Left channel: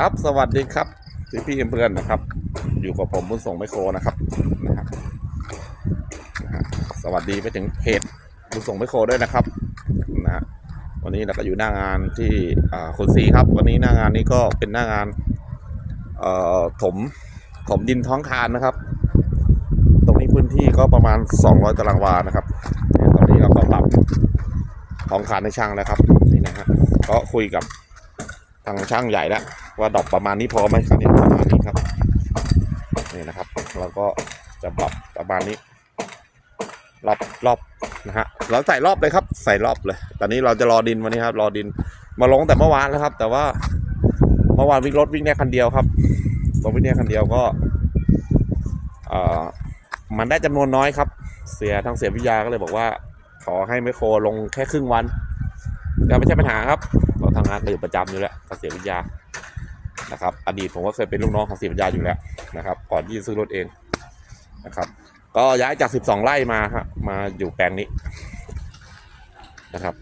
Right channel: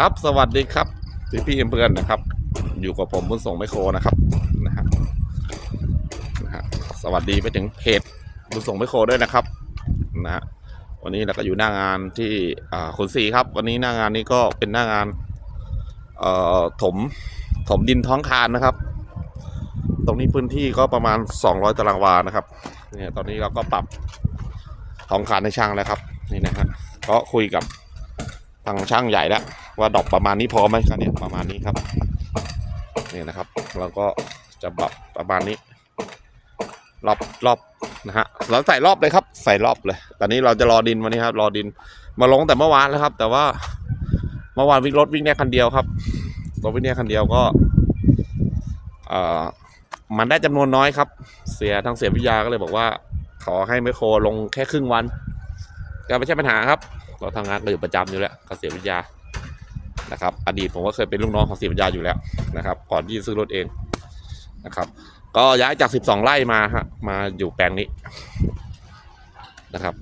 ครับสวัสดีครับพี่พี่เพื่อนนะครับ อยู่กับผมบุญส่งไมโครนะครับนะฮะสวัสดีไปถึงเพจบุญส่งไมโครด้วยนะครับนะฮะวันนี้เราก็อยู่หน้างานที่คุณสีครับ วันนี้หน้างานนี้ก็เป็นหน้างานถมถมดินท้องคานนะครับ ตรงนี้พื้นที่ก็ประมาณ 200 ตารางวานะครับตอนนี้เราก็ปรับท้องคานให้ช่างแล้วครับนี่นะฮะก็คุยกับทางช่างใหญ่แล้ว ว่าดอกประมาณนี้พอไหมครับนี่ประมาณนี้ครับนี่นะครับแล้วก็จะปรับประมาณนี้รอบรอบนะฮะเราใส่รอบเลยครับ ใส่รอบเลย ตอนนี้เราจะรอดินวันนี้ครับ รอดินมาลงแต่เมื่อวานแล้วครับ แต่ว่าเมื่อวานวิ่งรถวิ่งแค่คันเดียวครับรถวิ่งแค่คันเดียวก็เอ่อมันได้จำนวนน้อยครับ เสียทางเสียวิทยาก็เลยบอกว่า ขอให้ไมโครลงแค่ครึ่งวันก็ไม่ใช่ปัญหาครับเราทำงานดื่มประจำอยู่แล้วกเกษตรวิทยา นะครับ อดีตผมก็เคยเป็นลูกน้องของเกษตรวิทยาอยู่แล้วนะครับ ก่อนที่จะซื้อรถเองนะครับ ก็ย้ายจาก 12 ไร่มาฮะมาอยู่แปลงนี้นะครับ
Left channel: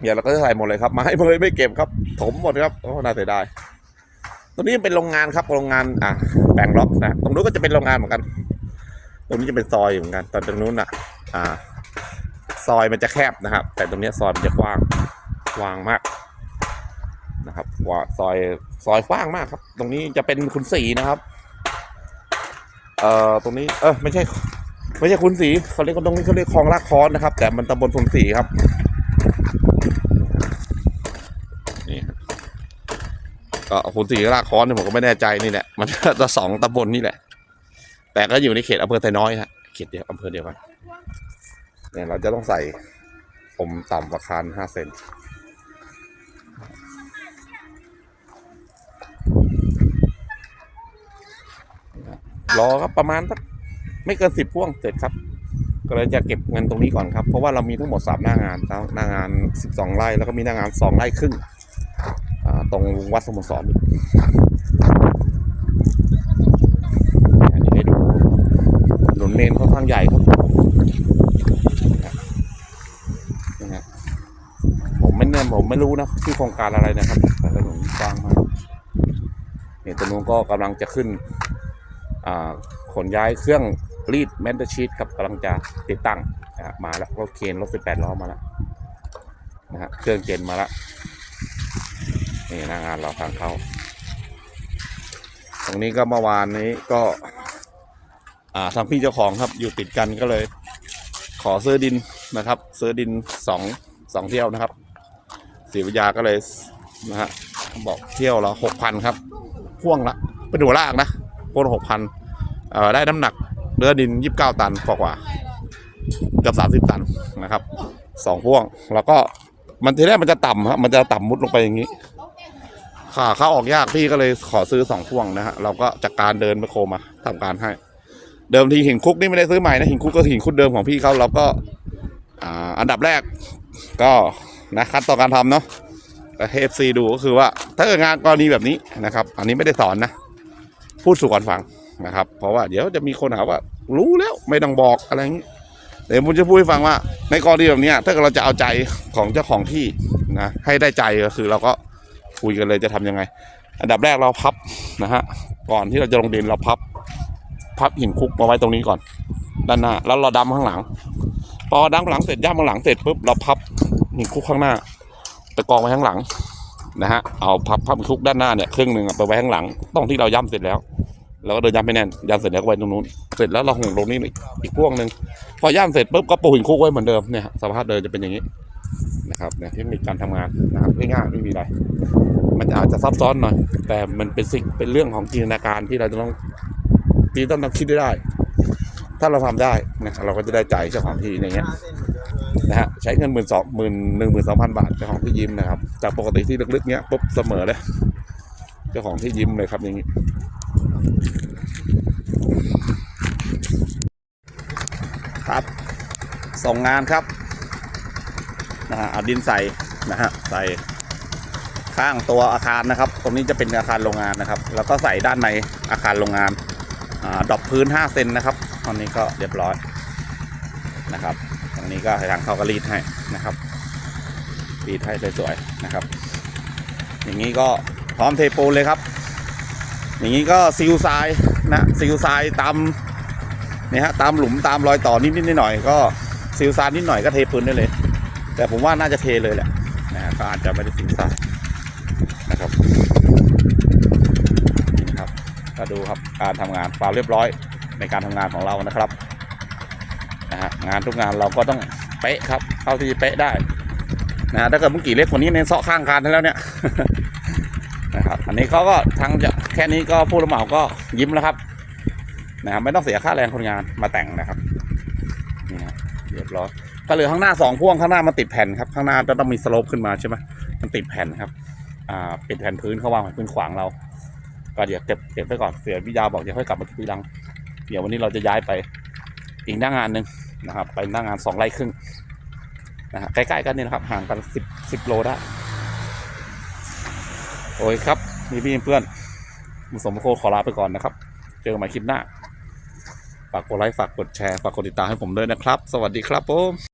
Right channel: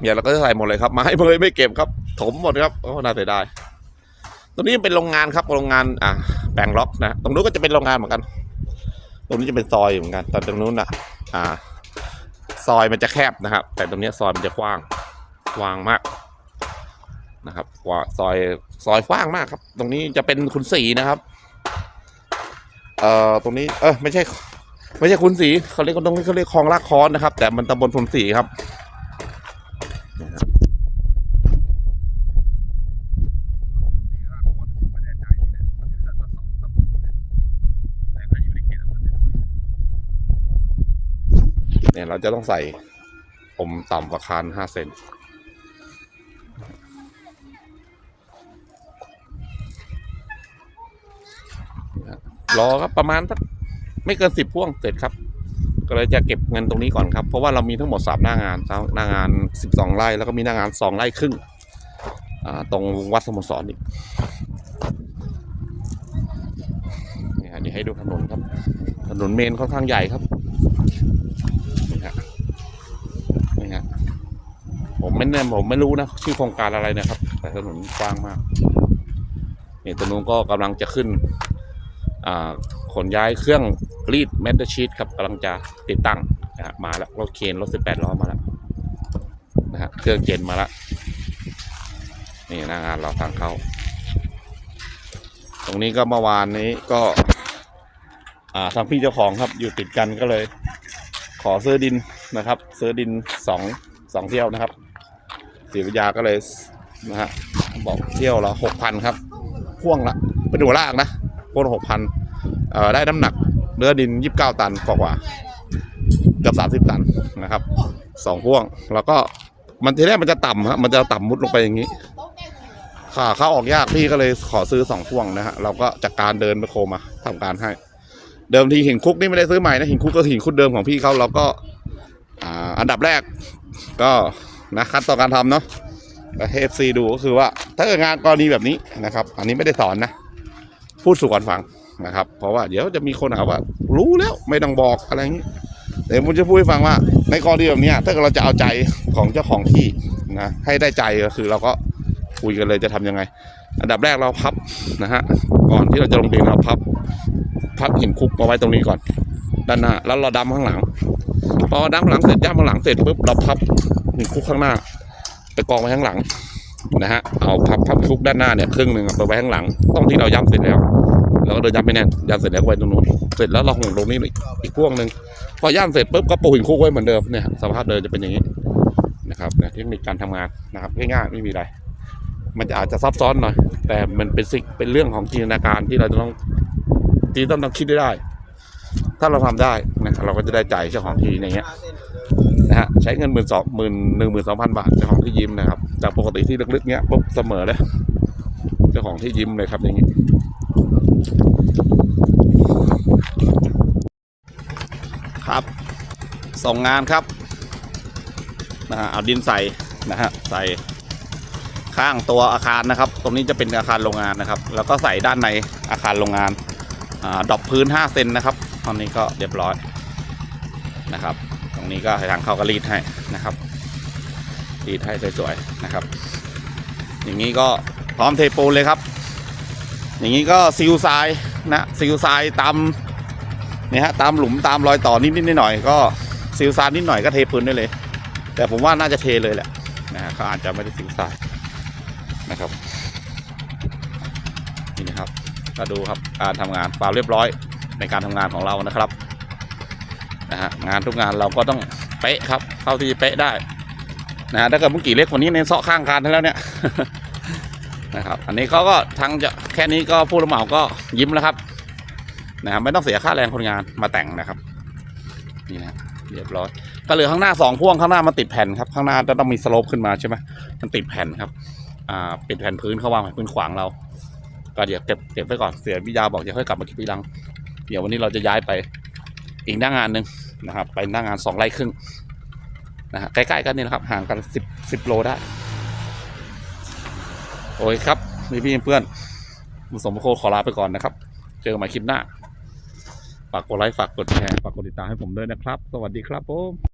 เนี่ยเราก็จะใส่หมดเลยครับไม้เลยไม่เก็บครับ ถมหมดครับโอ้น่าเสียดายตรงนี้เป็นโรงงานครับโรงงานอะแปลงล็อกนะตรงนู้นก็จะเป็นโรงงานเหมือนกัน ตรงนี้จะเป็นซอยเหมือนกันแต่ตรงนู้นอะ อ่า ซอยมันจะแคบนะครับ แต่ตรงนี้ซอยมันจะกว้างกว้างมากนะครับกว่าซอย ซอยกว้างมากครับ ตรงนี้จะเป็นคุณสีนะครับ เอ่อตรงนี้ เออไม่ใช่ ไม่ใช่คุณสีเขาเรียกตรงนี้เขาเรียกคลองลากคอนนะครับ แต่มันตำบลคุณสีครับนี่ก็คุณสีลากคอนเนี่ยผมก็ไม่แน่ใจนี่แหละมันจะสองตำบลนี่แหละ แต่ก็อยู่ในเขตอำเภอไทน้อยนะเขตเดียวอำเภอเดียวกันเนี่ยเราจะต้องใส่ผมต่ำกว่าคานห้าเซน รอครับประมาณสักไม่เกินสิบพ่วงเสร็จครับ ก็เลยจะเก็บเงินตรงนี้ก่อนครับ เพราะว่าเรามีทั้งหมดสามหน้างานครับหน้างานสิบสองไร่แล้วก็มีหน้างานสองไร่ครึ่งตรงวัดสมุทรสอนอีกอันนี้ให้ดูถนนเมนค่อนข้างใหญ่ครับผมไม่แน่ผมไม่รู้นะชื่อโครงการอะไรนะครับแต่ถนนกว้างมากนี่ตรงนู้นก็กำลังจะขึ้น ขนย้ายเครื่องรีดแมนเทอร์ชีตครับกำลังจะติดตั้งนะมาแล้วรถเคนรถสิบแปดล้อมาแล้วนะฮะเครื่องเจนมาแล้วนี่หน้างานเราทางเขาตรงนี้ก็เมื่อวานนี้ก็ทางพี่เจ้าของครับอยู่ติดกันก็เลย ขอซื้อดินนะครับ ซื้อดินสองสองเที่ยวนะครับศรีวิทยาก็เลยนะฮะบอกเที่ยวละหกพันครับพ่วงละไปดูล่างนะ พ่วงหกพันเอ่อได้น้ำหนักเนื้อดินยี่สิบเก้าตันกว่ากว่าเกับสามสิบตันนะครับสองพ่วง แล้วก็มันทีแรกมันจะต่ำฮะมันจะต่ำมุดลงไปอย่างนี้ขาเข้าออกยากพี่ก็เลยขอซื้อสองพ่วงนะฮะเราก็จากการเดินไปโคมาทำการให้ เดิมทีหินคุกนี่ไม่ได้ซื้อใหม่นะหินคุกก็หินคุกเดิมของพี่เขาเราก็อ่าอันดับแรกก็นะขั้นตอนการทำเนาะเอฟซีดูก็คือว่าถ้าเกิดงานกรณีแบบนี้นะครับ อันนี้ไม่ได้สอนนะ พูดสู่กันฟังนะครับ เพราะว่าเดี๋ยวจะมีคนหาว่า รู้แล้วไม่ต้องบอกอะไรอย่างนี้เดี๋ยวผมจะพูดให้ฟังว่า ในกรณีแบบนี้ถ้าเกิดเราจะเอาใจของเจ้าของที่นะให้ได้ใจก็คือเราก็คุยกันเลยจะทำยังไง อันดับแรกเราพับนะฮะก่อนที่เราจะลงดินเราพับ พับหินคุกมาไว้ตรงนี้ก่อน ด้านหน้าแล้วเราดำข้างหลัง พอดำข้างหลังเสร็จย่ำข้างหลังเสร็จปุ๊บเราพับหินคุกข้างหน้าไปกองไว้ข้างหลัง นะฮะเอาพับพับคุกด้านหน้าเนี่ยครึ่งหนึ่งอะไปไว้ข้างหลังตรงที่เราย้ำเสร็จแล้วเราก็เดินย้ำไปแน่นย้ำเสร็จแล้วไว้ตรงนู้นเสร็จแล้วเราห่งตรงนี้อีกอีกพวงหนึ่งพอย่ำเสร็จปุ๊บก็ปูหินคุกไว้เหมือนเดิมเนี่ยสภาพเดิมจะเป็นอย่างนี้นะครับเนี่ยเทคนิคการทำงานนะครับง่ายๆไม่มีอะไรมันจะอาจจะซับซ้อนหน่อย แต่มันเป็นสิ่งเป็นเรื่องของจินตนาการที่เราจะต้องที่ต้องต้องคิดได้ ถ้าเราทำได้นะเราก็จะได้ใจเจ้าของที่อย่างเงี้ย นะฮะใช้เงินหมื่นสองหมื่นหนึ่งหมื่นสองพันบาทเจ้าของที่ยิ้มนะครับจากปกติที่ลึกๆเนี้ยปุ๊บเสมอเลยเจ้าของที่ยิ้มเลยครับอย่างงี้ครับส่งงานครับนะฮะเอาดินใส่นะฮะใส่ข้างตัวอาคารนะครับ ตรงนี้จะเป็นอาคารโรงงานนะครับ แล้วก็ใส่ด้านในอาคารโรงงานอาดอกพื้น 5 เซนนะครับ ตอนนี้ก็เรียบร้อยนะครับ นี้ก็ทางเขาก็รีดให้นะครับรีดให้สวยๆนะครับ อย่างนี้ก็พร้อมเทปูนเลยครับ อย่างนี้ก็ซิลทรายนะซิลทรายตามเนี่ยฮะตามหลุมตามรอยต่อนิดๆหน่อยๆก็ซิลทรายนิดหน่อยก็เทปูนได้เลย แต่ผมว่าน่าจะเทเลยแหละนะฮะก็อาจจะไม่ได้ซิลทรายนะครับนี่ครับก็ดูครับการทำงานความเรียบร้อยในการทำงานของเรานะครับ งานทุกงานเราก็ต้องเป๊ะครับเท่าที่จะเป๊ะได้นะฮะถ้าเกิดเมื่อกี้เล็กกว่านี้เน้นเซาะข้างกันแล้วเนี่ยนะครับอันนี้เขาก็ทางจะแค่นี้ก็ผู้รับเหมาก็ยิ้มแล้วครับนะครับไม่ต้องเสียค่าแรงคนงานมาแต่งนะครับนี่นะเรียบร้อยก็เหลือข้างหน้าสองพ่วงข้างหน้ามันติดแผ่นครับข้างหน้าจะต้องมีสโลปขึ้นมาใช่ไหมมันติดแผ่นครับอ่าปิดแผ่นพื้นเขาวางแผ่นพื้นขวางเรา ก็เดี๋ยวเก็บเก็บไว้ก่อนเสียวิยาบอกจะค่อยกลับมาคิดทีหลัง เดี๋ยววันนี้เราจะย้ายไปอีกหน้างานหนึ่ง นะครับ ไปหน้างานสองไร่ครึ่งนะฮะใกล้ๆกันนี่นะครับห่างกันสิบสิบโลได้โอเคครับพี่พี่เพื่อนมุสมโคขอลาไปก่อนนะครับ เจอกันใหม่คลิปหน้า ฝากกดไลค์ฝากกดแชร์ฝากกดติดตามให้ผมด้วยนะครับ สวัสดีครับผม